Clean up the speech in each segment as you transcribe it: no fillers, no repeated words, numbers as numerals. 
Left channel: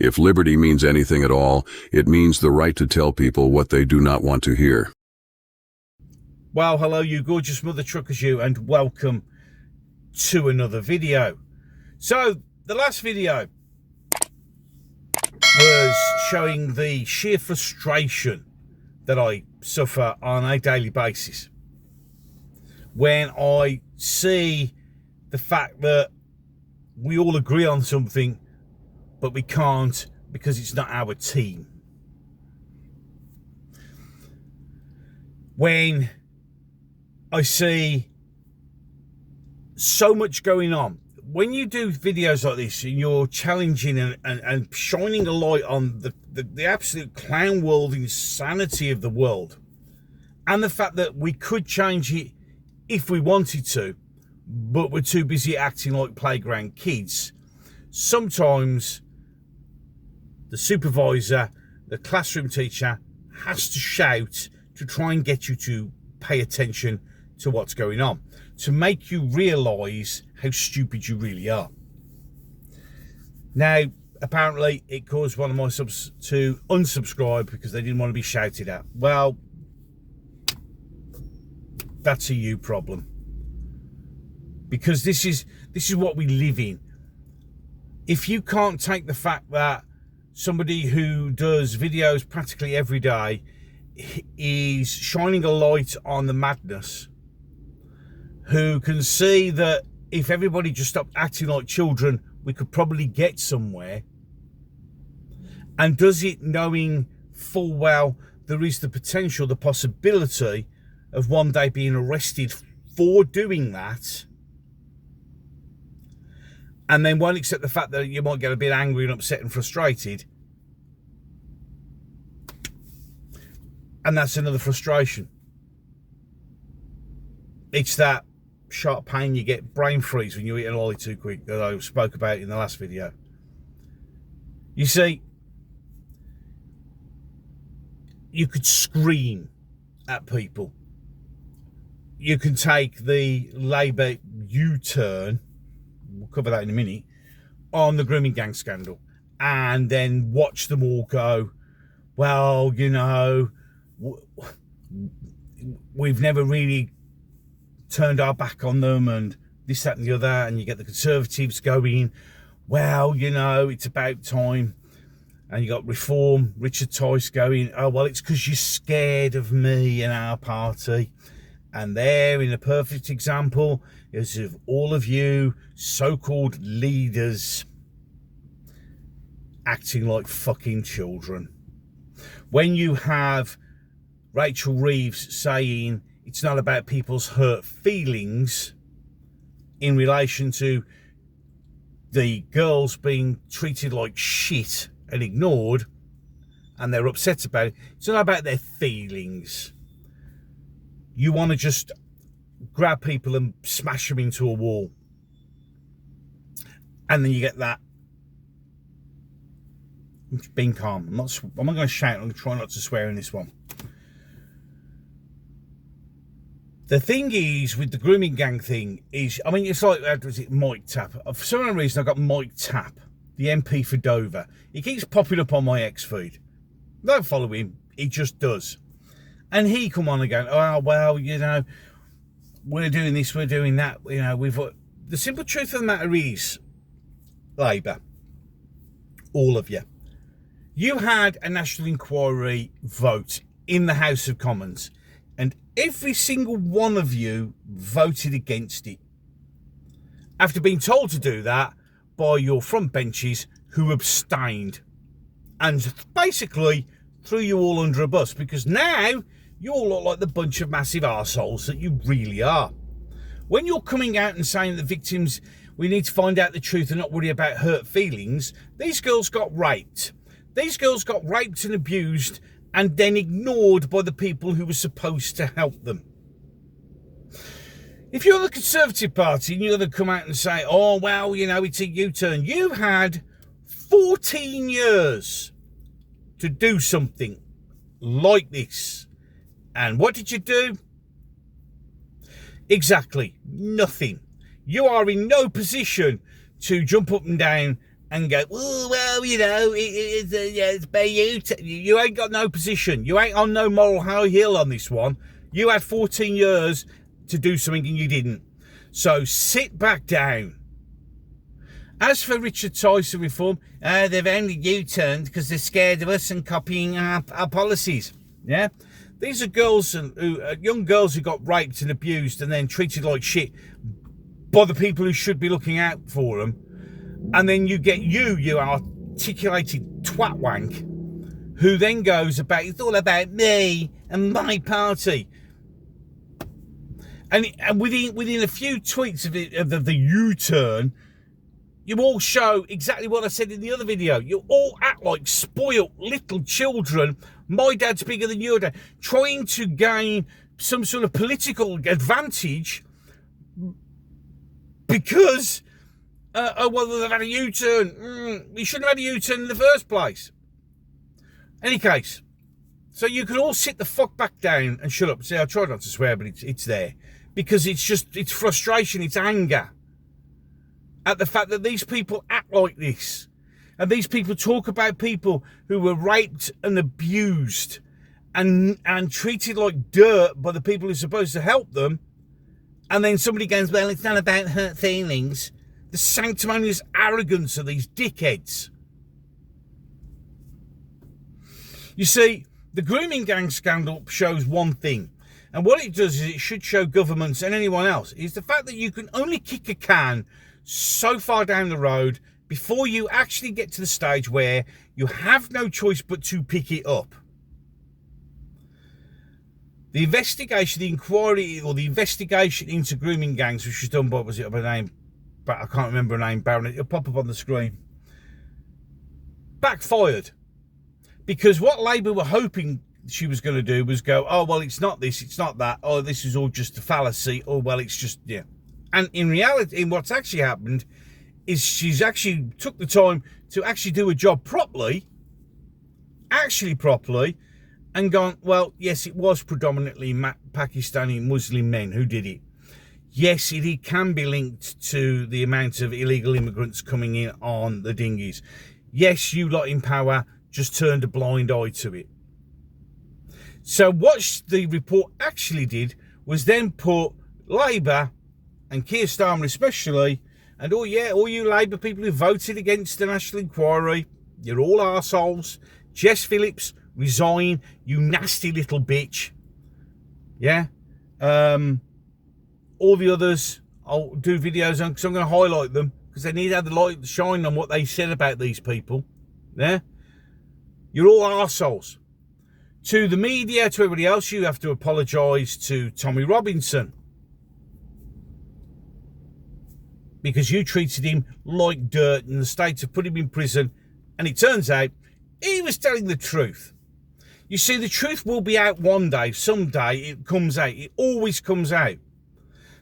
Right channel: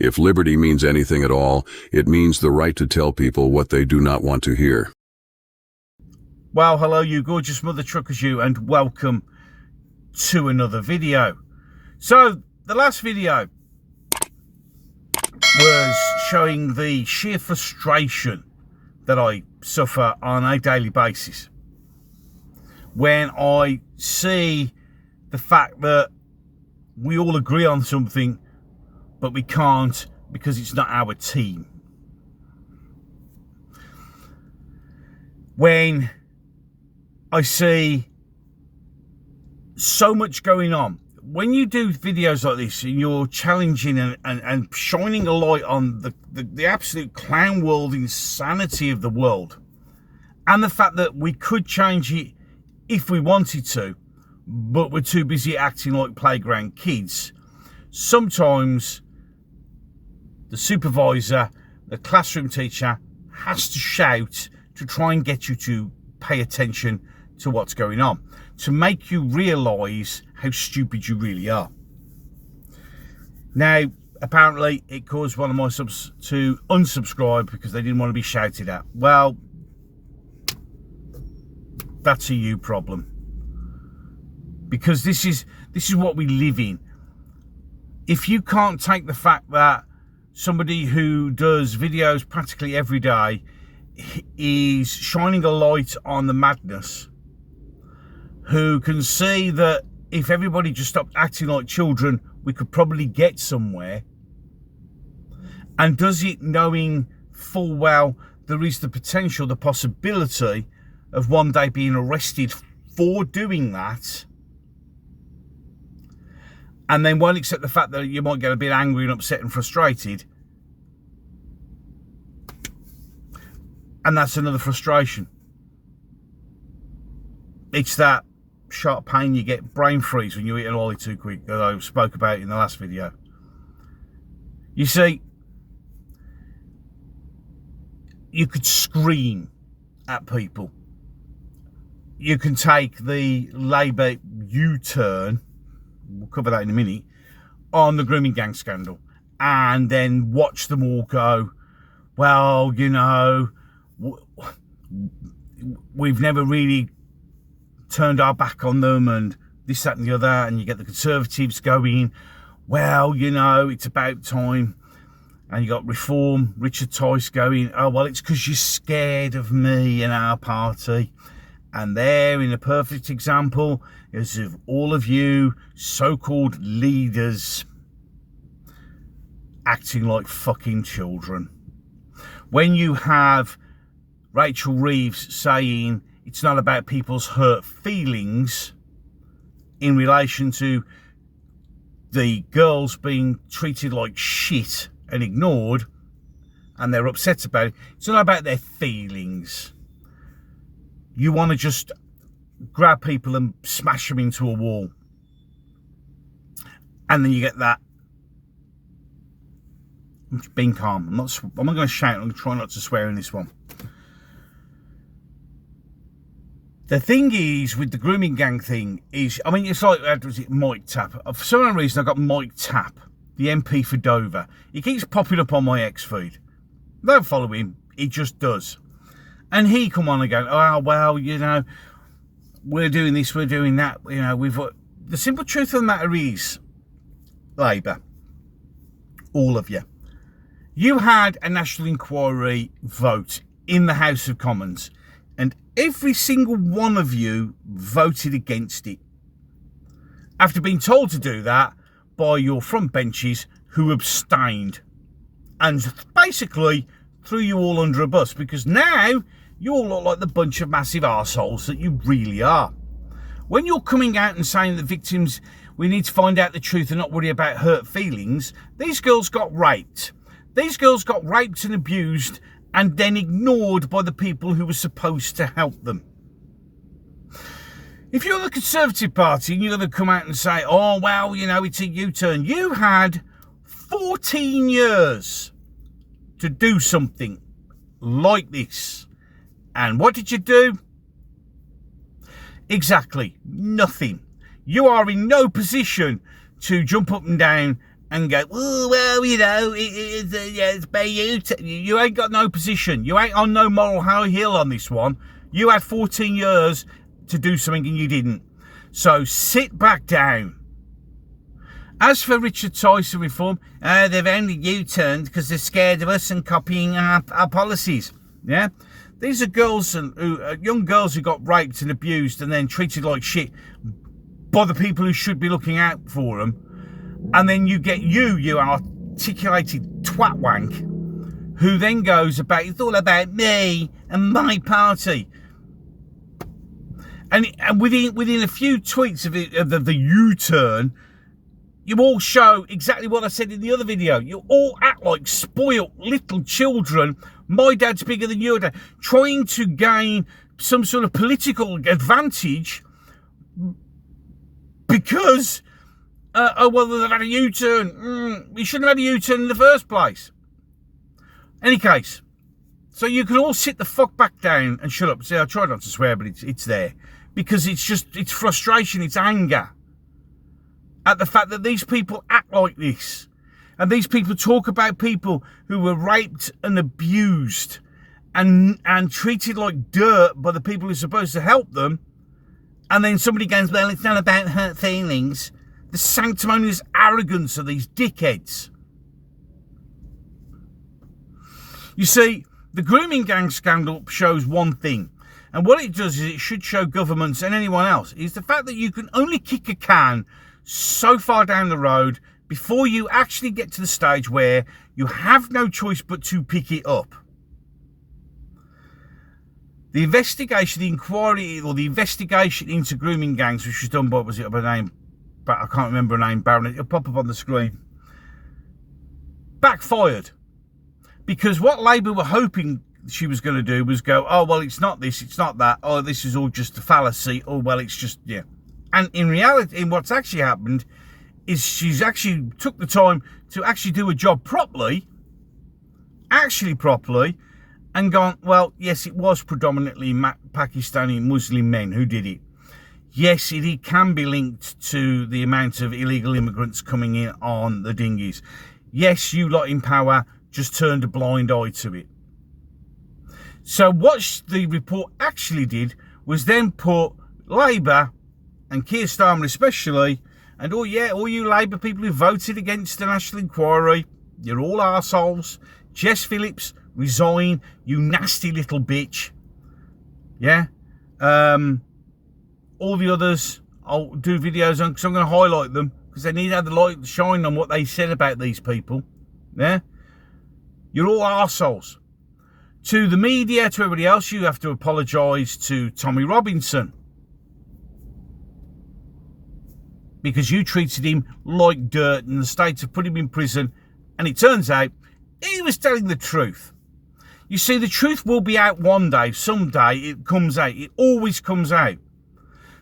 If liberty means anything at all, it means the right to tell people what they do not want to hear. Well, hello you gorgeous mother truckers you, and welcome to another video. So, the last video was showing the sheer frustration that I suffer on a daily basis when I see the fact that we all agree on something, but we can't because it's not our team. When I see so much going on, when you do videos like this and you're challenging and shining a light on the absolute clown world insanity of the world, and the fact that we could change it if we wanted to, but we're too busy acting like playground kids, sometimes the supervisor, the classroom teacher, has to shout to try and get you to pay attention to what's going on, to make you realise how stupid you really are. Now, apparently it caused one of my subs to unsubscribe because they didn't want to be shouted at. Well, that's a you problem, because this is what we live in. If you can't take the fact that somebody who does videos practically every day is shining a light on the madness, who can see that if everybody just stopped acting like children, we could probably get somewhere, and does it knowing full well there is the potential, the possibility of one day being arrested for doing that, and then won't accept the fact that you might get a bit angry and upset and frustrated. And that's another frustration. It's that sharp pain you get, brain freeze, when you eat an lolly too quick, that I spoke about in the last video. You see, you could scream at people. You can take the Labour U-turn, we'll cover that in a minute, on the grooming gang scandal, and then watch them all go, well, you know, we've never really turned our back on them, and this, that and the other, and you get the Conservatives going, well, you know, it's about time, and you got Reform, Richard Tice going, oh, well, it's because you're scared of me and our party. And there, in a perfect example, is of all of you so-called leaders acting like fucking children. When you have Rachel Reeves saying it's not about people's hurt feelings in relation to the girls being treated like shit and ignored, and they're upset about it, it's not about their feelings. You want to just grab people and smash them into a wall. And then you get that. I'm just being calm. I'm not going to shout. I'm going to try not to swear in this one. The thing is, with the grooming gang thing, is, I mean, it's like, was it Mike Tapp? For some reason, I got Mike Tapp, the MP for Dover. He keeps popping up on my X feed. Don't follow him. He just does. And he come on and go, oh, well, you know, we're doing this, we're doing that. You know, the simple truth of the matter is, Labour, all of you, you had a national inquiry vote in the House of Commons, and every single one of you voted against it, after being told to do that by your front benches who abstained, and basically threw you all under a bus, because now you all look like the bunch of massive arseholes that you really are. When you're coming out and saying that victims, we need to find out the truth and not worry about hurt feelings, these girls got raped. These girls got raped and abused and then ignored by the people who were supposed to help them. If you're the Conservative Party and you're going to come out and say, oh, well, you know, it's a U-turn. You had 14 years to do something like this. And what did you do? Exactly nothing. You are in no position to jump up and down and go, oh, well, you know, it's by you. You ain't got no position. You ain't on no moral high hill on this one. You had 14 years to do something and you didn't. So sit back down. As for Richard Tyson reform, they've only U-turned because they're scared of us and copying our policies. Yeah? These are girls young girls who got raped and abused and then treated like shit by the people who should be looking out for them. And then you get you articulated twat wank, who then goes about, it's all about me and my party. And within a few tweets of the U-turn, you all show exactly what I said in the other video. You all act like spoiled little children. My dad's bigger than your dad. Trying to gain some sort of political advantage because, well, they've had a U-turn. We shouldn't have had a U-turn in the first place. Any case, so you can all sit the fuck back down and shut up. See, I tried not to swear, but it's there. Because it's frustration, it's anger at the fact that these people act like this. And these people talk about people who were raped and abused and treated like dirt by the people who are supposed to help them. And then somebody goes, well, it's not about hurt feelings. The sanctimonious arrogance of these dickheads. You see, the grooming gang scandal shows one thing. And what it does is it should show governments and anyone else is the fact that you can only kick a can so far down the road before you actually get to the stage where you have no choice but to pick it up. The investigation, the inquiry, or the investigation into grooming gangs, which was done by, was it by name? But I can't remember her name, Baron. It'll pop up on the screen. Backfired. Because what Labour were hoping she was going to do was go, oh, well, it's not this, it's not that. Oh, this is all just a fallacy. Oh, well, it's just, yeah. And in reality, what's actually happened is she's actually took the time to actually do a job properly, and gone, well, yes, it was predominantly Pakistani Muslim men who did it. Yes, it can be linked to the amount of illegal immigrants coming in on the dinghies. Yes, you lot in power just turned a blind eye to it. So what the report actually did was then put Labour, and Keir Starmer especially, and all you Labour people who voted against the National Inquiry, you're all arseholes. Jess Phillips, resign, you nasty little bitch. Yeah? All the others, I'll do videos on, because I'm going to highlight them, because they need to have the light shine on what they said about these people. Yeah? You're all arseholes. To the media, to everybody else, you have to apologise to Tommy Robinson. Because you treated him like dirt and the state have put him in prison. And it turns out he was telling the truth. You see, the truth will be out one day. Someday it comes out. It always comes out.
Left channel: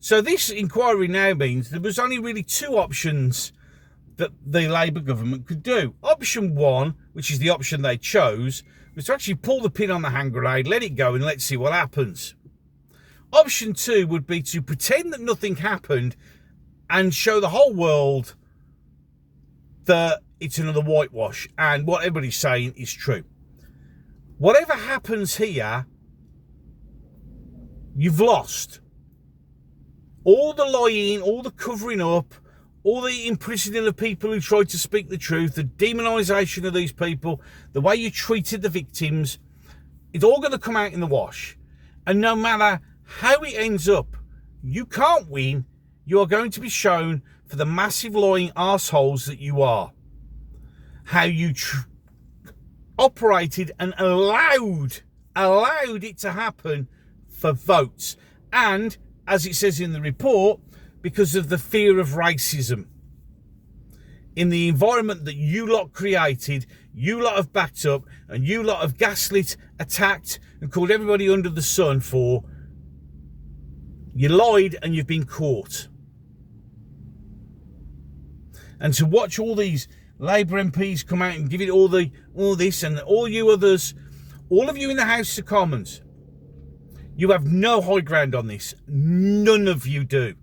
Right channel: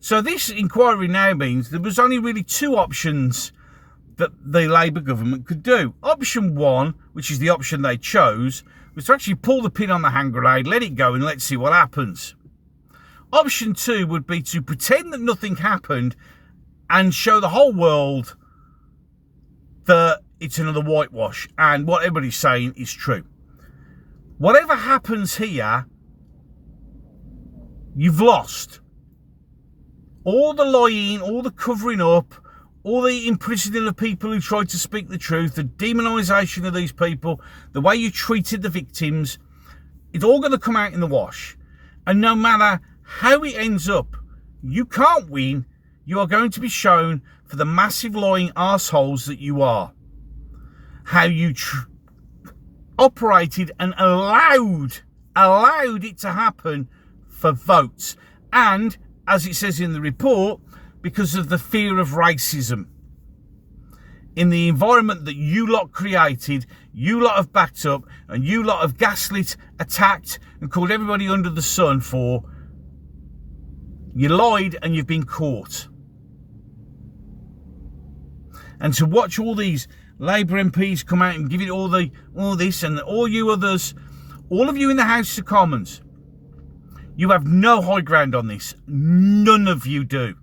So this inquiry now means there was only really two options that the Labour government could do. Option one, which is the option they chose, was to actually pull the pin on the hand grenade, let it go, and let's see what happens. Option two would be to pretend that nothing happened and show the whole world that it's another whitewash and what everybody's saying is true. Whatever happens here, you've lost. All the lying, all the covering up, all the imprisoning of people who tried to speak the truth, the demonisation of these people, the way you treated the victims, it's all going to come out in the wash. And no matter how it ends up, you can't win. You are going to be shown for the massive lying arseholes that you are. How you operated and allowed it to happen for votes. And, as it says in the report, because of the fear of racism. In the environment that you lot created, you lot have backed up, and you lot have gaslit, attacked, and called everybody under the sun for, you lied and you've been caught. And to watch all these Labour MPs come out and give it all this and all you others, all of you in the House of Commons, you have no high ground on this. None of you do.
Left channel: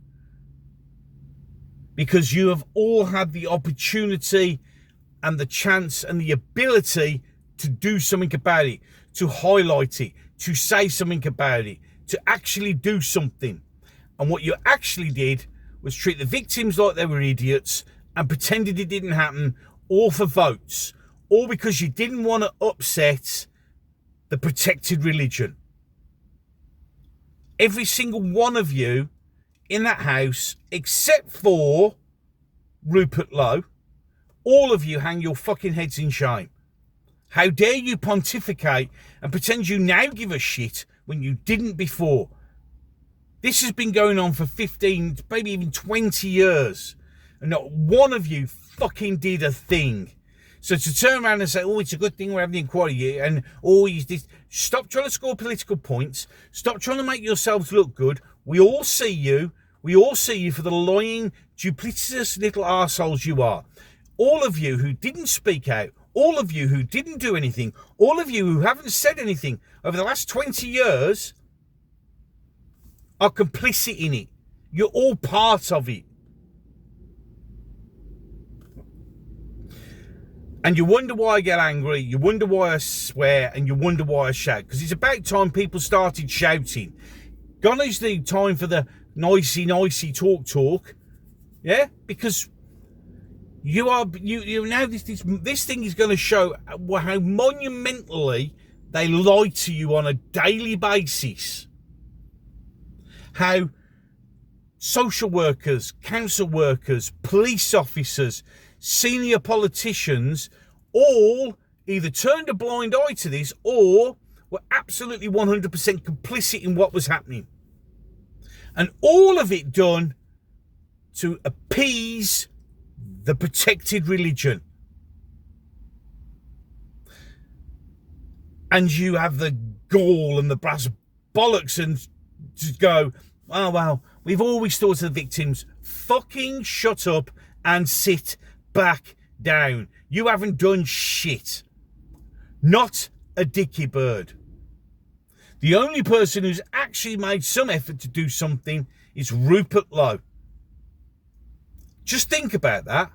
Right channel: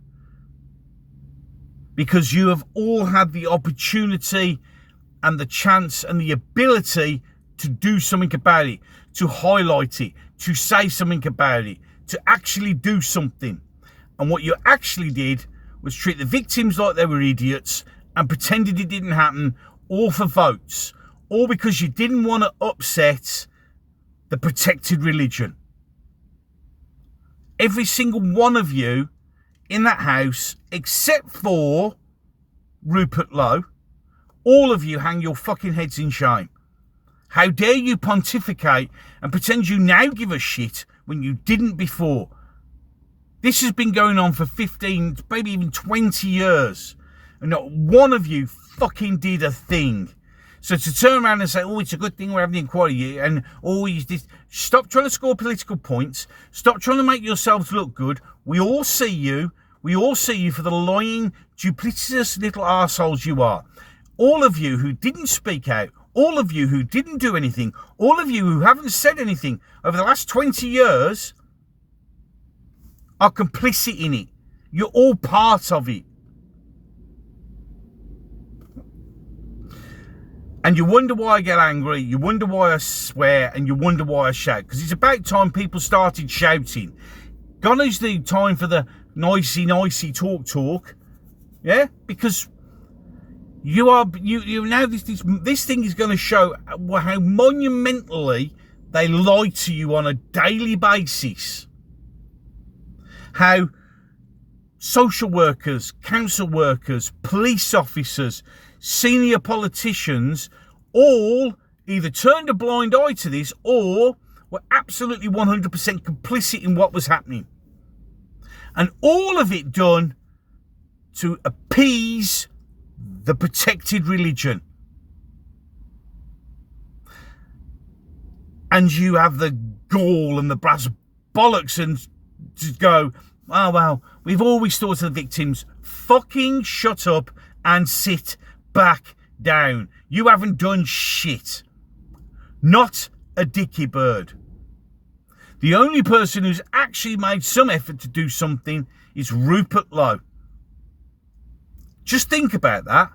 Because you have all had the opportunity and the chance and the ability to do something about it, to highlight it, to say something about it, to actually do something. And what you actually did was treat the victims like they were idiots and pretended it didn't happen, all for votes, all because you didn't want to upset the protected religion. Every single one of you in that house, except for Rupert Lowe, all of you hang your fucking heads in shame. How dare you pontificate and pretend you now give a shit when you didn't before? This has been going on for 15, maybe even 20 years. And not one of you fucking did a thing. So to turn around and say, oh, it's a good thing we're having the inquiry, and oh, stop trying to score political points. Stop trying to make yourselves look good. We all see you. We all see you for the lying, duplicitous little arseholes you are. All of you who didn't speak out, all of you who didn't do anything, all of you who haven't said anything over the last 20 years are complicit in it. You're all part of it. And you wonder why I get angry, you wonder why I swear, and you wonder why I shout. Because it's about time people started shouting. Gone is the time for the nicey talk. Yeah? Because you now this thing is going to show how monumentally they lie to you on a daily basis. How social workers, council workers, police officers, senior politicians all either turned a blind eye to this or were absolutely 100% complicit in what was happening. And all of it done to appease the protected religion. And you have the gall and the brass bollocks and to go, oh, well, we've always thought of the victims. Fucking shut up and sit back down. You haven't done shit. Not a dicky bird. The only person who's actually made some effort to do something is Rupert Lowe. Just think about that.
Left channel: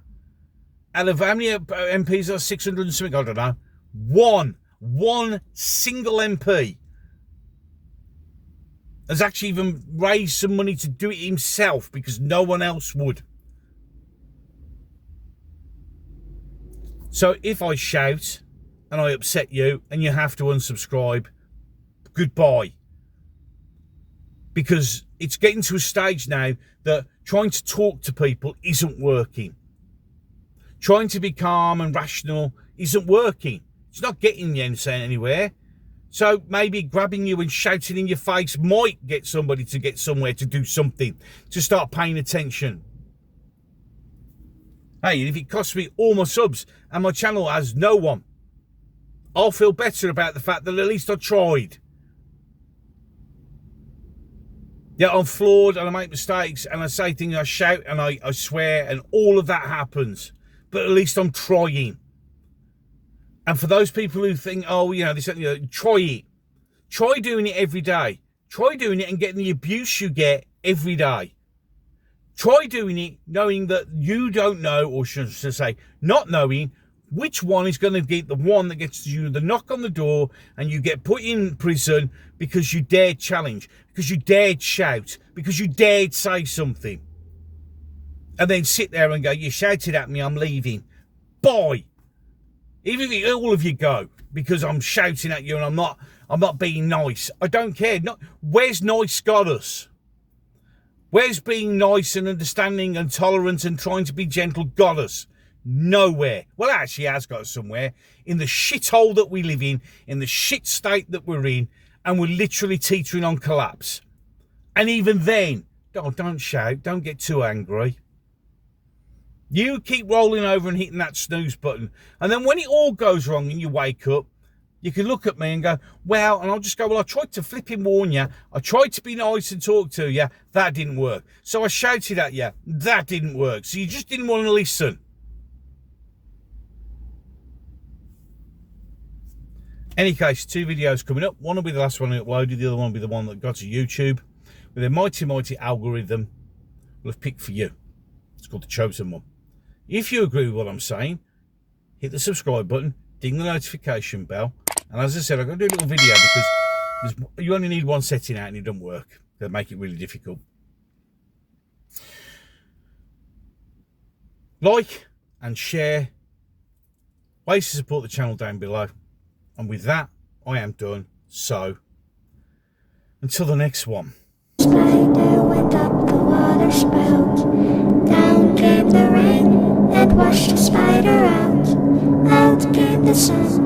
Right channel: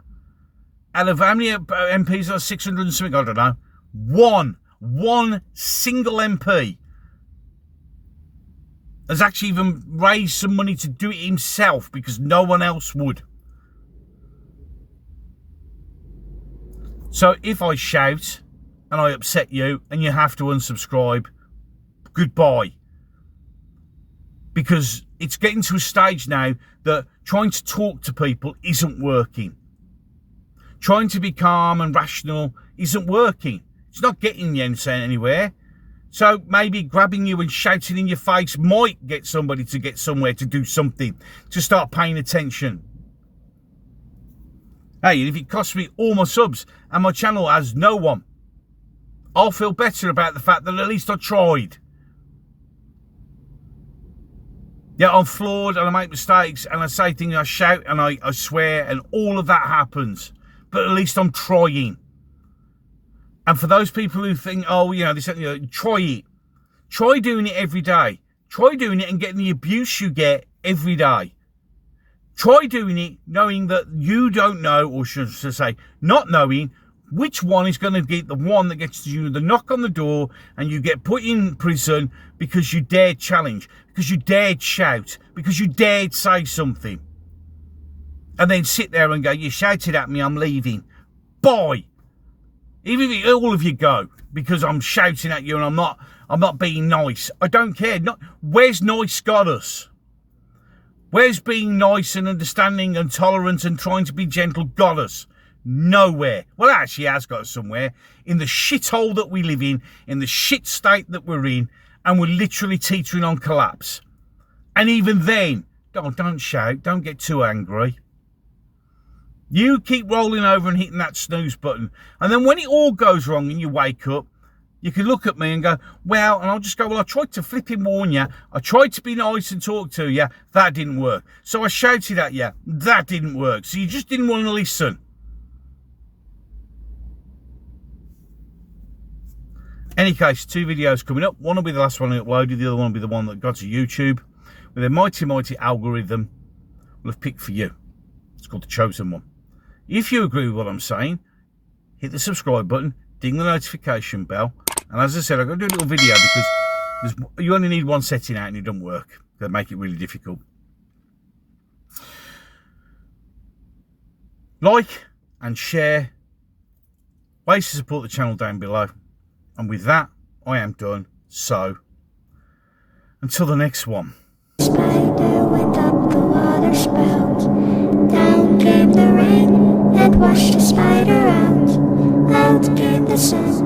Out of how many MPs are 600 and something, I don't know. One single MP has actually even raised some money to do it himself because no one else would. So if I shout and I upset you and you have to unsubscribe, goodbye. Because it's getting to a stage now that trying to talk to people isn't working. Trying to be calm and rational isn't working. It's not getting you anywhere. So maybe grabbing you and shouting in your face might get somebody to get somewhere to do something, to start paying attention. Hey, if it costs me all my subs and my channel has no one, I'll feel better about the fact that at least I tried. Yeah, I'm flawed and I make mistakes and I say things, I shout and I swear and all of that happens. But at least I'm trying. And for those people who think, oh, try it. Try doing it every day. Try doing it and getting the abuse you get every day. Try doing it knowing that you don't know, or should I say, not knowing which one is going to get the one that gets you the knock on the door and you get put in prison because you dared challenge, because you dared shout, because you dared say something. And then sit there and go, you shouted at me, I'm leaving. Bye. Even if all of you go because I'm shouting at you and I'm not being nice. I don't care. Where's nice got us? Where's being nice and understanding and tolerant and trying to be gentle got us? Nowhere. Well, it actually has got us somewhere. In the shithole that we live in the shit state that we're in, and we're literally teetering on collapse. And even then, don't shout, don't get too angry. You keep rolling over and hitting that snooze button. And then when it all goes wrong and you wake up, you can look at me and go, well, and I'll just go, well, I tried to flipping warn you. I tried to be nice and talk to you. That didn't work. So I shouted at you. That didn't work. So you just didn't want to listen. Any case, 2 videos coming up. One will be the last one I uploaded. The other one will be the one that got to YouTube. With a mighty algorithm will have picked for you. It's called The Chosen One. If you agree with what I'm saying, hit the subscribe button, ding the notification bell. And as I said, I'm going to do a little video because you only need one setting out and it doesn't work. They make it really difficult. Like and share. Ways to support the channel down below. And with that, I am done. So, until the next one. Spider went up the water spout. Down came the rain and washed the spider out. Out came the sun.